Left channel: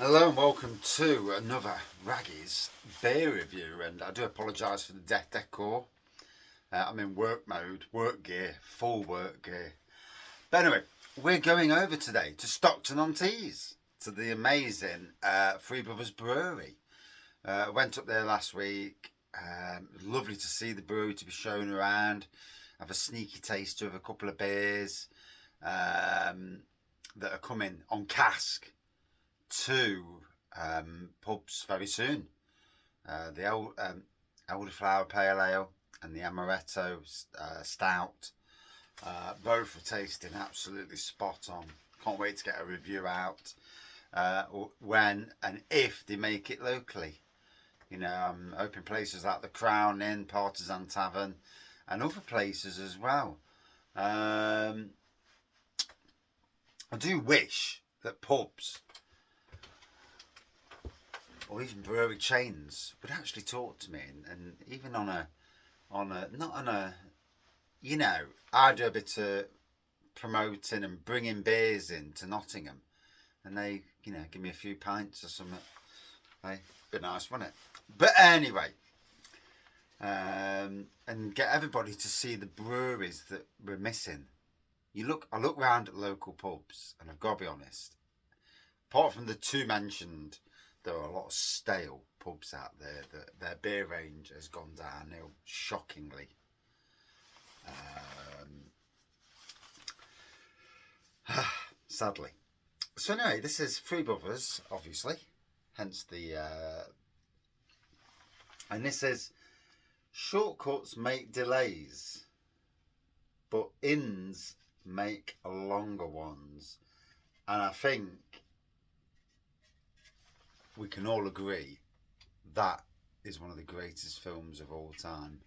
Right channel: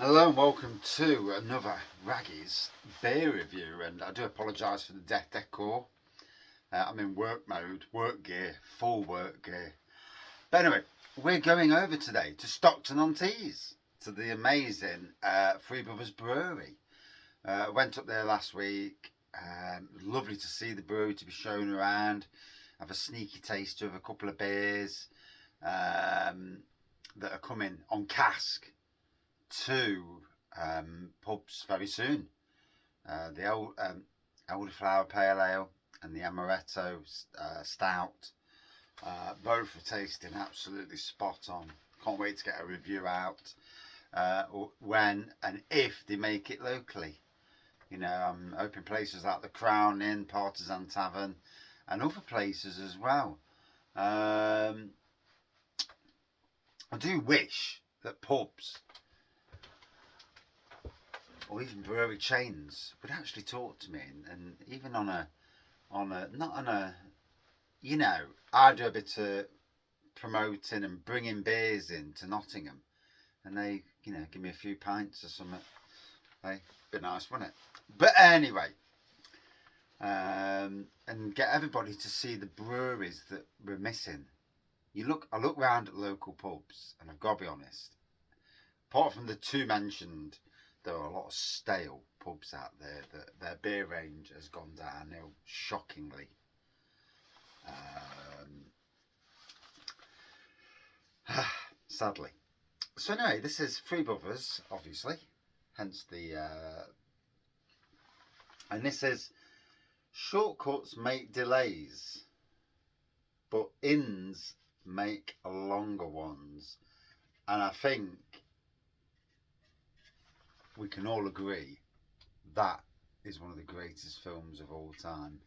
Hello and welcome to another Raggy's beer review, and I do apologise for the decor. I'm in work mode, work gear, full work gear. But anyway, we're going over today to Stockton-on-Tees, to the amazing Three Brothers Brewery. Went up there last week. Lovely to see the brewery, to be shown around, have a sneaky taster of a couple of beers that are coming on cask to pubs very soon. The Elderflower Pale Ale and the Amaretto Stout, both are tasting absolutely spot on. Can't wait to get a review out when and if they make it locally. You know, I'm hoping places like the Crown Inn, Partisan Tavern, and other places as well. I do wish that pubs or even brewery chains would actually talk to me, and even on a not on a, you know, I do a bit of promoting and bringing beers into Nottingham, and they, you know, give me a few pints or something. Hey, bit nice, wouldn't it? But anyway, and get everybody to see the breweries that we're missing. I look round at local pubs, and I've got to be honest. Apart from the two mentioned, there are a lot of stale pubs out there that their beer range has gone downhill shockingly. Sadly. So anyway, this is Three Brothers, obviously, hence the and this is shortcuts make delays, but inns make longer ones. And I think we can all agree that is one of the greatest films of all time.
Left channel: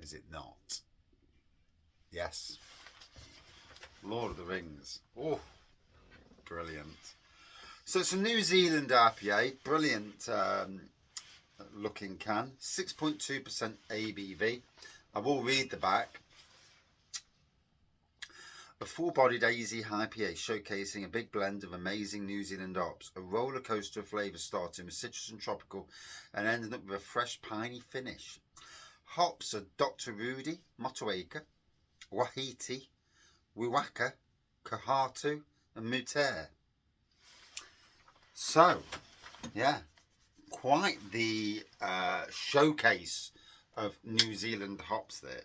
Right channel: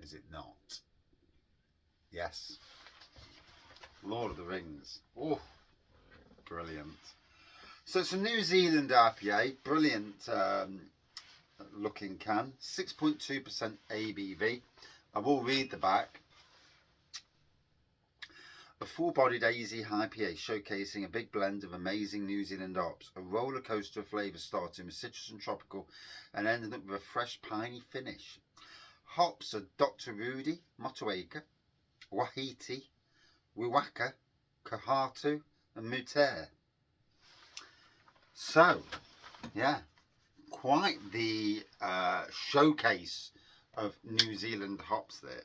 Is it not? Yes. Lord of the Rings. Oh, brilliant. So it's a New Zealand IPA. Brilliant looking can. 6.2% ABV. I will read the back. A full-bodied AZ IPA showcasing a big blend of amazing New Zealand hops, a roller coaster of flavours starting with citrus and tropical and ending up with a fresh piney finish. Hops are Dr. Rudy, Motueka, Wahiti, Wiwaka, Kahatu and Mutair. So, yeah, quite the showcase of New Zealand hops there.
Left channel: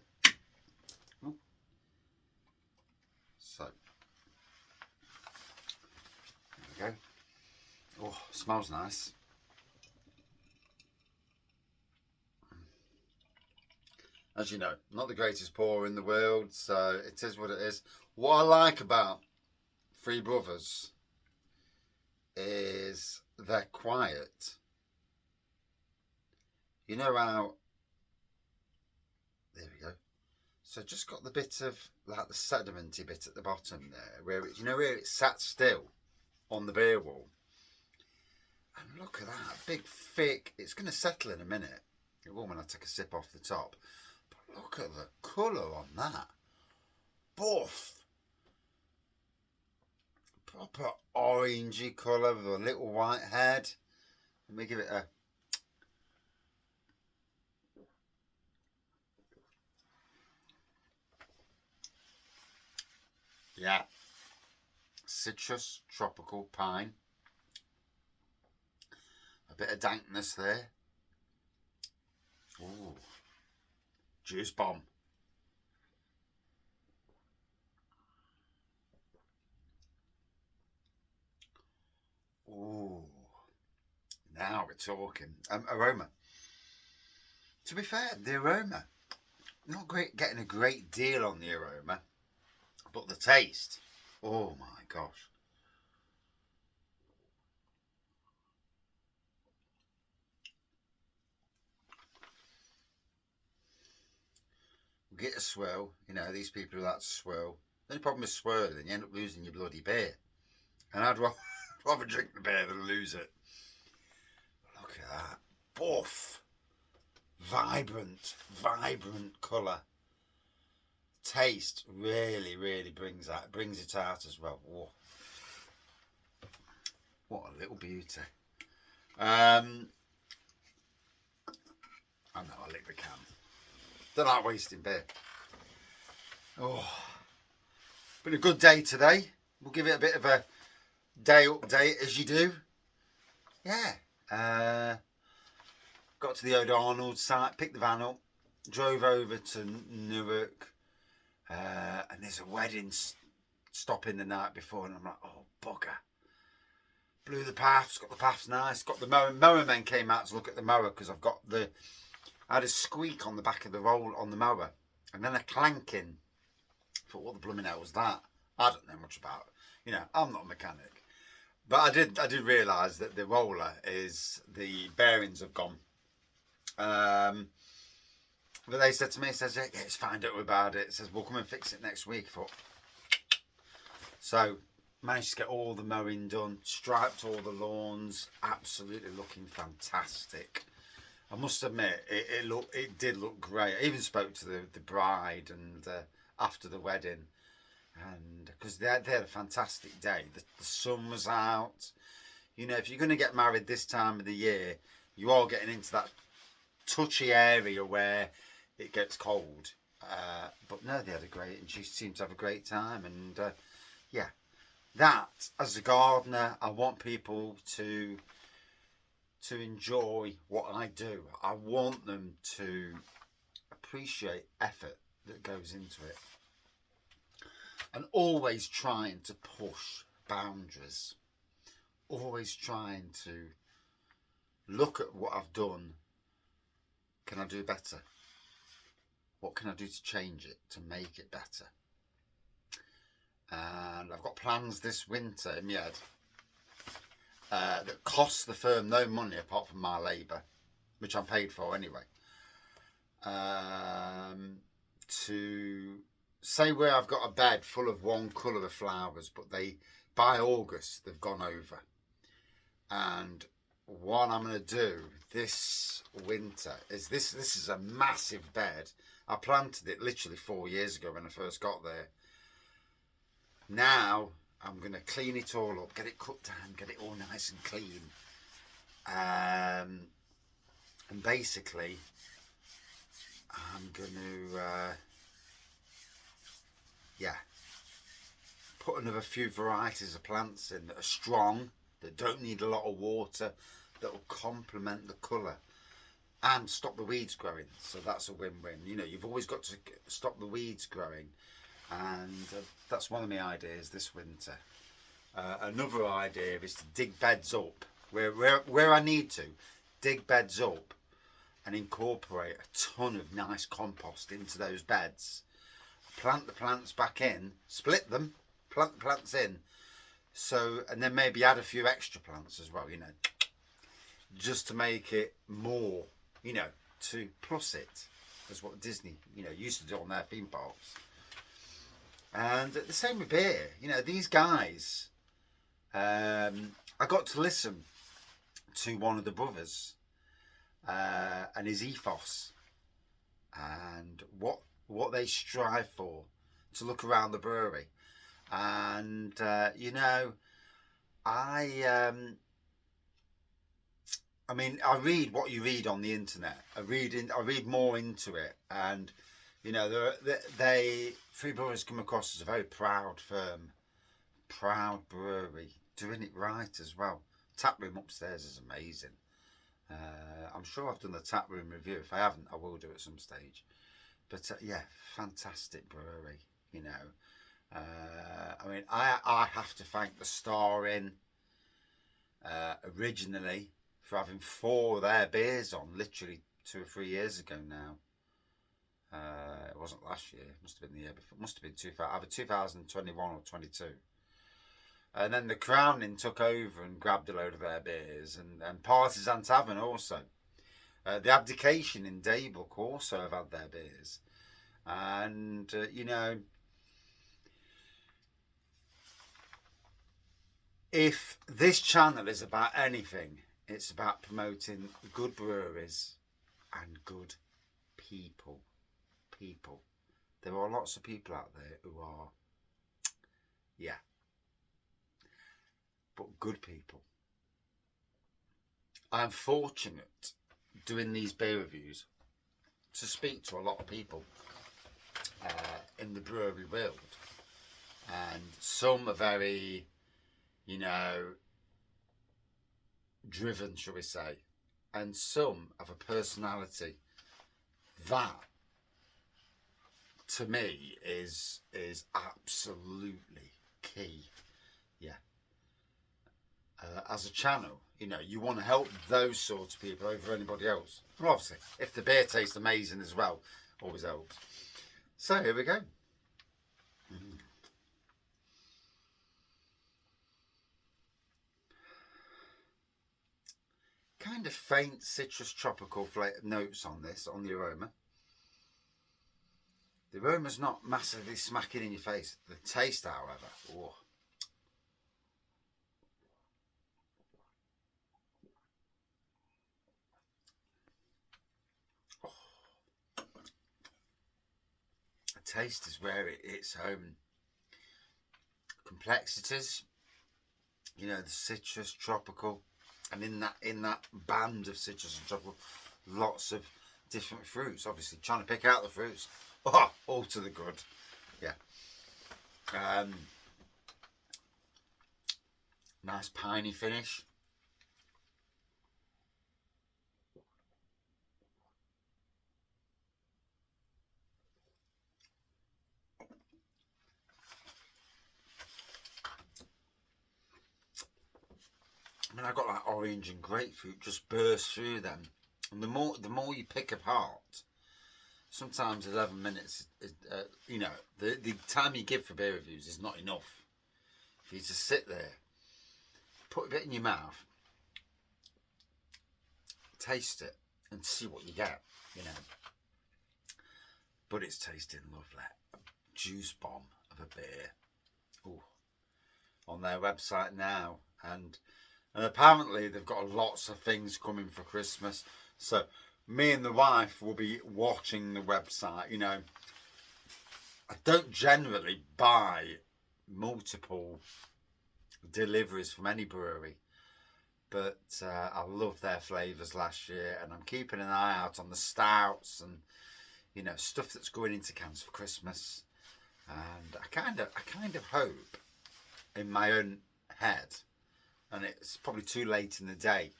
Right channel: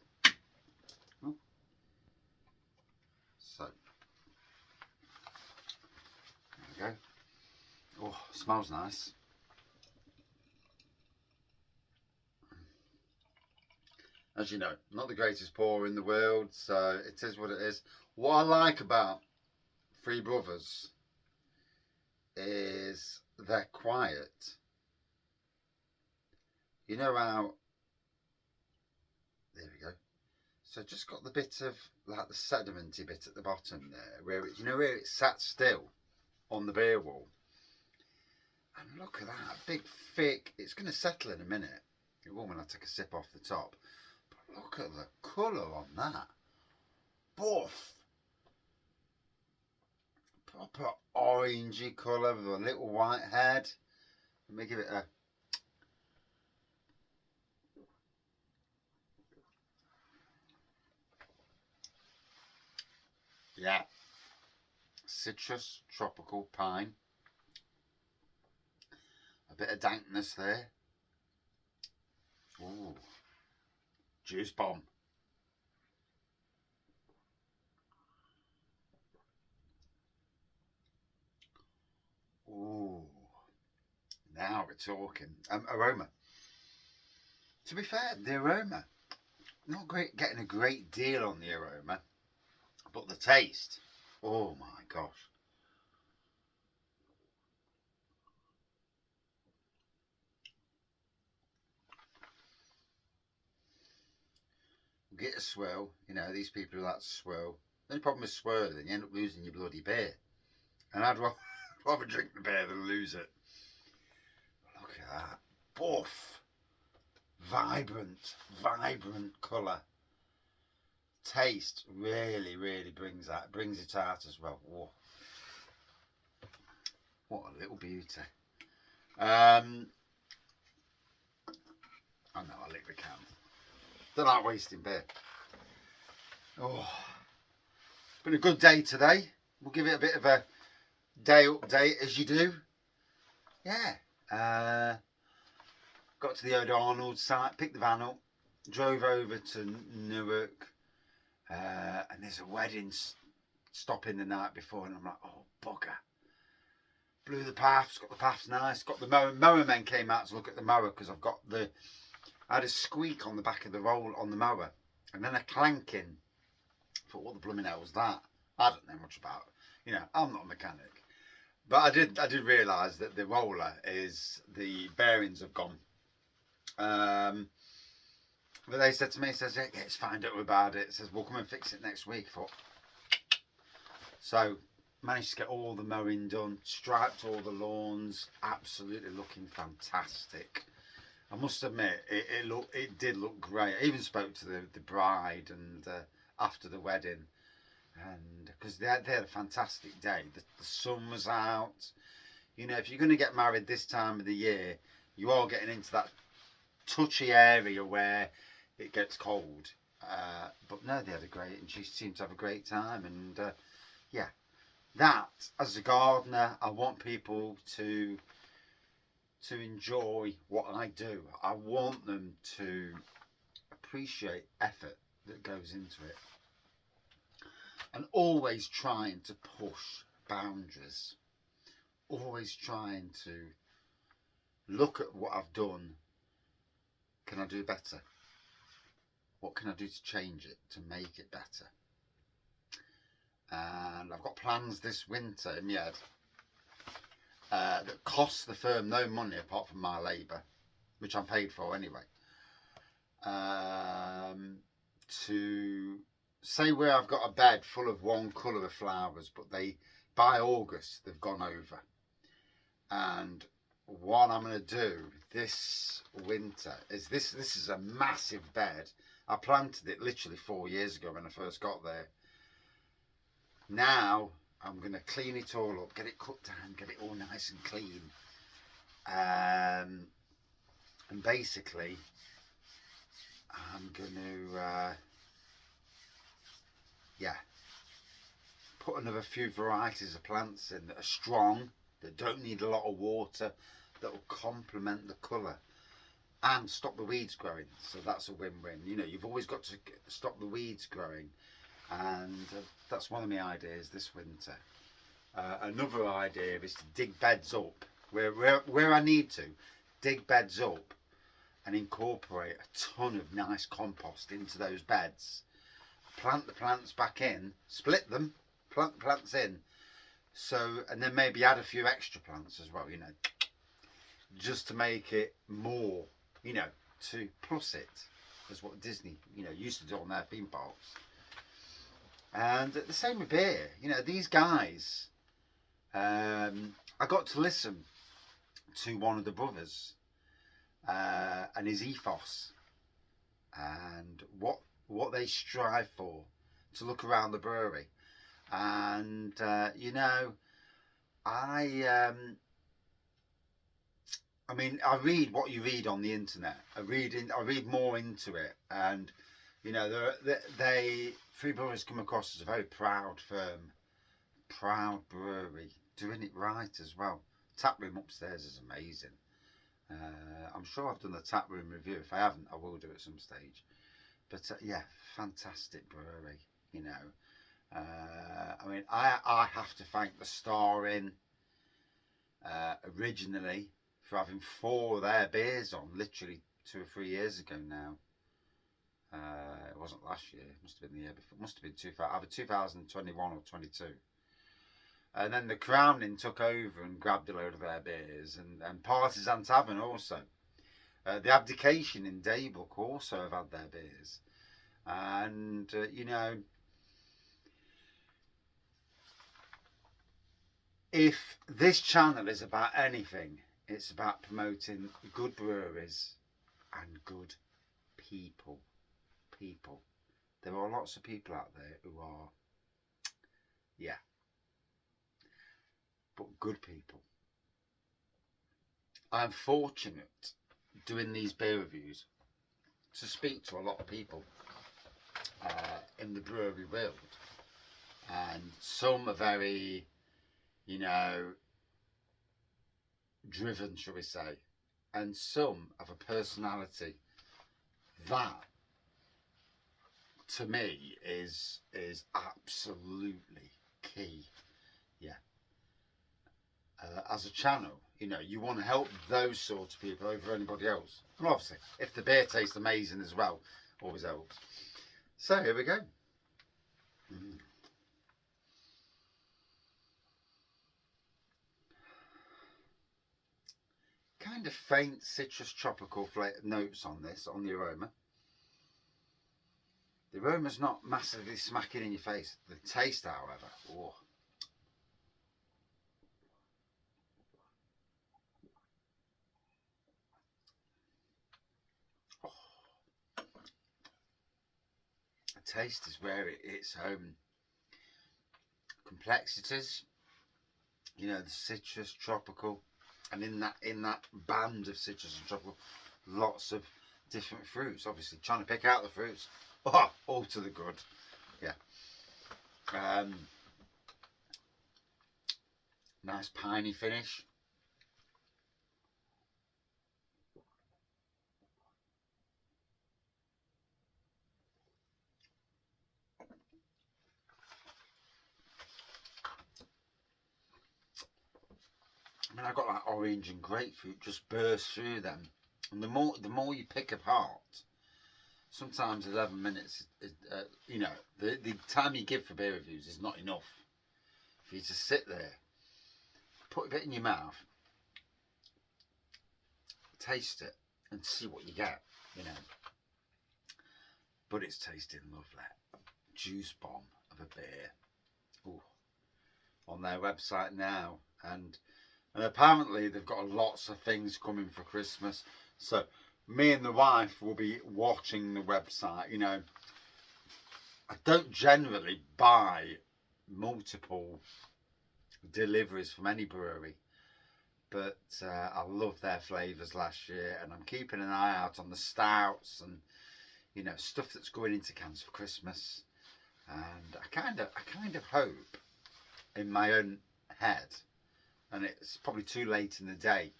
So, there we go. Oh, smells nice. As you know, not the greatest pour in the world, so it is what it is. What I like about Three Brothers is they're quiet. You know how, there we go. So just got the bit of, like the sedimenty bit at the bottom there, where it, you know where it sat still on the beer wall. And look at that, big thick, it's going to settle in a minute. It will when I take a sip off the top. But look at the colour on that. Buff. Proper orangey colour with a little white head. Let me give it a... Yeah. Citrus, tropical, pine. A bit of dankness there. Ooh. Juice bomb. Ooh. Now we're talking. Aroma. To be fair, the aroma, not great, getting a great deal on the aroma, but the taste, oh my gosh. Get a swirl, you know, these people who like to swirl. The only problem with swirling, you end up losing your bloody beer. And I'd rather drink the beer than lose it. Look at that. Buff. Vibrant colour. Taste really brings it out as well. Whoa. What a little beauty. I know, I lick the can. Don't like wasting beer. Oh, been a good day today. We'll give it a bit of a day update as you do. Yeah. Got to the O'Darnold site, picked the van up, drove over to Newark, and there's a wedding stopping the night before, and I'm like, oh, bugger. Blew the paths, got the paths nice, got the mower men came out to look at the mower because I had a squeak on the back of the roll on the mower, and then a clanking. I thought, what the blooming hell was that? I don't know much about it. You know, I'm not a mechanic. But I did realise that the roller the bearings have gone. But they said to me, yeah, it's fine, don't worry about it. It says, we'll come and fix it next week. I thought, so managed to get all the mowing done, striped all the lawns, absolutely looking fantastic. I must admit, it did look great. I even spoke to the bride and after the wedding, and because they had a fantastic day. The sun was out. You know, if you're going to get married this time of the year, you are getting into that touchy area where it gets cold. But no, they had a great, and she seemed to have a great time. And yeah, that as a gardener, I want people to enjoy what I do. I want them to appreciate effort that goes into it, and always trying to push boundaries, always trying to look at what I've done. Can I do better? What can I do to change it, to make it better? And I've got plans this winter in my head that cost the firm no money apart from my labour, which I'm paid for anyway. To say where I've got a bed full of one colour of flowers, but by August they've gone over. And what I'm going to do this winter is this is a massive bed. I planted it literally 4 years ago when I first got there. Now I'm going to clean it all up, get it cut down, get it all nice and clean. And basically I'm going to put another few varieties of plants in that are strong, that don't need a lot of water, that will complement the colour and stop the weeds growing. So that's a win-win. You know, you've always got to stop the weeds growing, and that's one of my ideas this winter. Another idea is to dig beds up where I need to, dig beds up and incorporate a ton of nice compost into those beds. Plant the plants back in, split them, plant the plants in, so, and then maybe add a few extra plants as well, you know, just to make it more, you know, to plus it, as what Disney, you know, used to do on their theme parks. And the same with beer, you know, these guys, I got to listen to one of the brothers and his ethos and what they strive for, to look around the brewery. And you know, I mean, I read what you read on the internet. I read more into it, and you know, Three Brothers come across as a very proud firm, proud brewery, doing it right as well. Tap room upstairs is amazing. I'm sure I've done the tap room review. If I haven't, I will do at some stage. But yeah, fantastic brewery, you know. I mean, I have to thank the Star Inn originally for having 4 of their beers on, literally 2 or 3 years ago now. It wasn't last year, it must have been the year before. It must have been either 2021 or 22. And then the Crown Inn took over and grabbed a load of their beers, and Partisan Tavern also. The Abdication in Daybrook also have had their beers. And, you know, if this channel is about anything, it's about promoting good breweries and good people. There are lots of people out there who are, yeah, but good people. I'm fortunate doing these beer reviews to speak to a lot of people in the brewery world, and some are very, you know, driven, shall we say, and some have a personality that, to me, is absolutely key. Yeah. As a channel, you know, you want to help those sorts of people over anybody else. And obviously, if the beer tastes amazing as well, always helps. So here we go. Kind of faint citrus tropical notes on this, on the aroma. The aroma's not massively smacking in your face. The taste, however, oh. The taste is where it's home. Complexities, you know, the citrus, tropical, and in that band of citrus and tropical, lots of different fruits. Obviously, trying to pick out the fruits. Oh, all to the good. Yeah. Nice piney finish. I mean, I got that orange and grapefruit just burst through them, and the more you pick apart, sometimes 11 minutes, you know, the time you give for beer reviews is not enough for you to sit there, put a bit in your mouth, taste it, and see what you get, you know. But it's tasting lovely. Juice bomb of a beer. Ooh. On their website now, and apparently they've got lots of things coming for Christmas. So me and the wife will be watching the website. You know, I don't generally buy multiple deliveries from any brewery, but I love their flavours last year, and I'm keeping an eye out on the stouts and, you know, stuff that's going into cans for Christmas. And I kind of hope in my own head, and it's probably too late in the day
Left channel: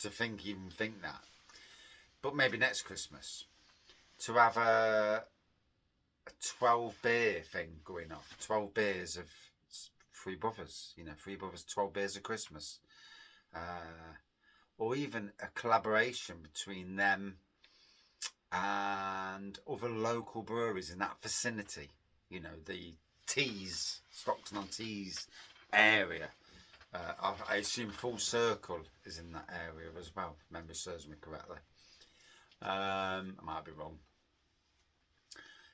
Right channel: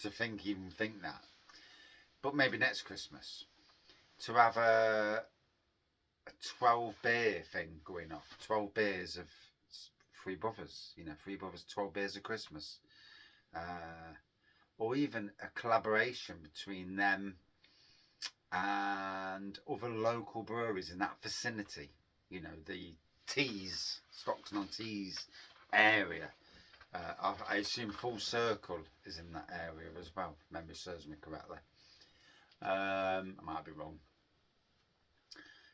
to even think that, but maybe next Christmas to have a 12 beer thing going off, 12 beers of Three Brothers, you know, Three Brothers 12 beers of Christmas, or even a collaboration between them and other local breweries in that vicinity, you know, the Tees, Stockton-on-Tees area. I assume Full Circle is in that area as well, if memory serves me correctly. I might be wrong.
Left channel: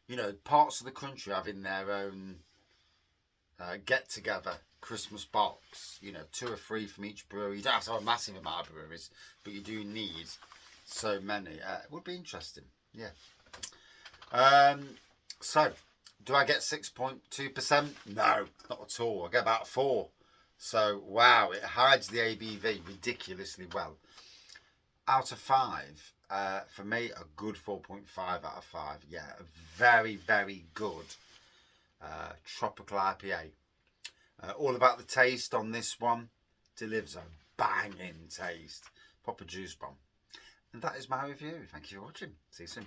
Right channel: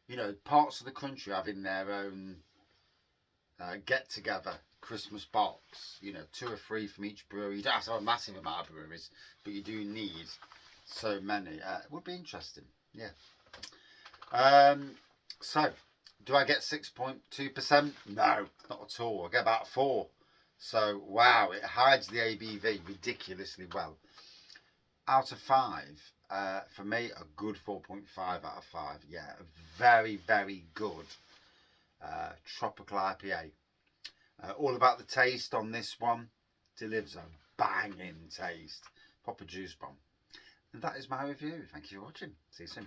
You know, parts of the country having their own get-together Christmas box. You know, 2 or 3 from each brewery. You don't have to have a massive amount of breweries, but you do need so many. It would be interesting, yeah. So, do I get 6.2%? No, not at all. I get about 4. So, wow, it hides the ABV ridiculously well. Out of 5, for me, a good 4.5 out of 5. Yeah, a very, very good tropical IPA. All about the taste on this one. Delivers a banging taste. Proper juice bomb. And that is my review. Thank you for watching. See you soon.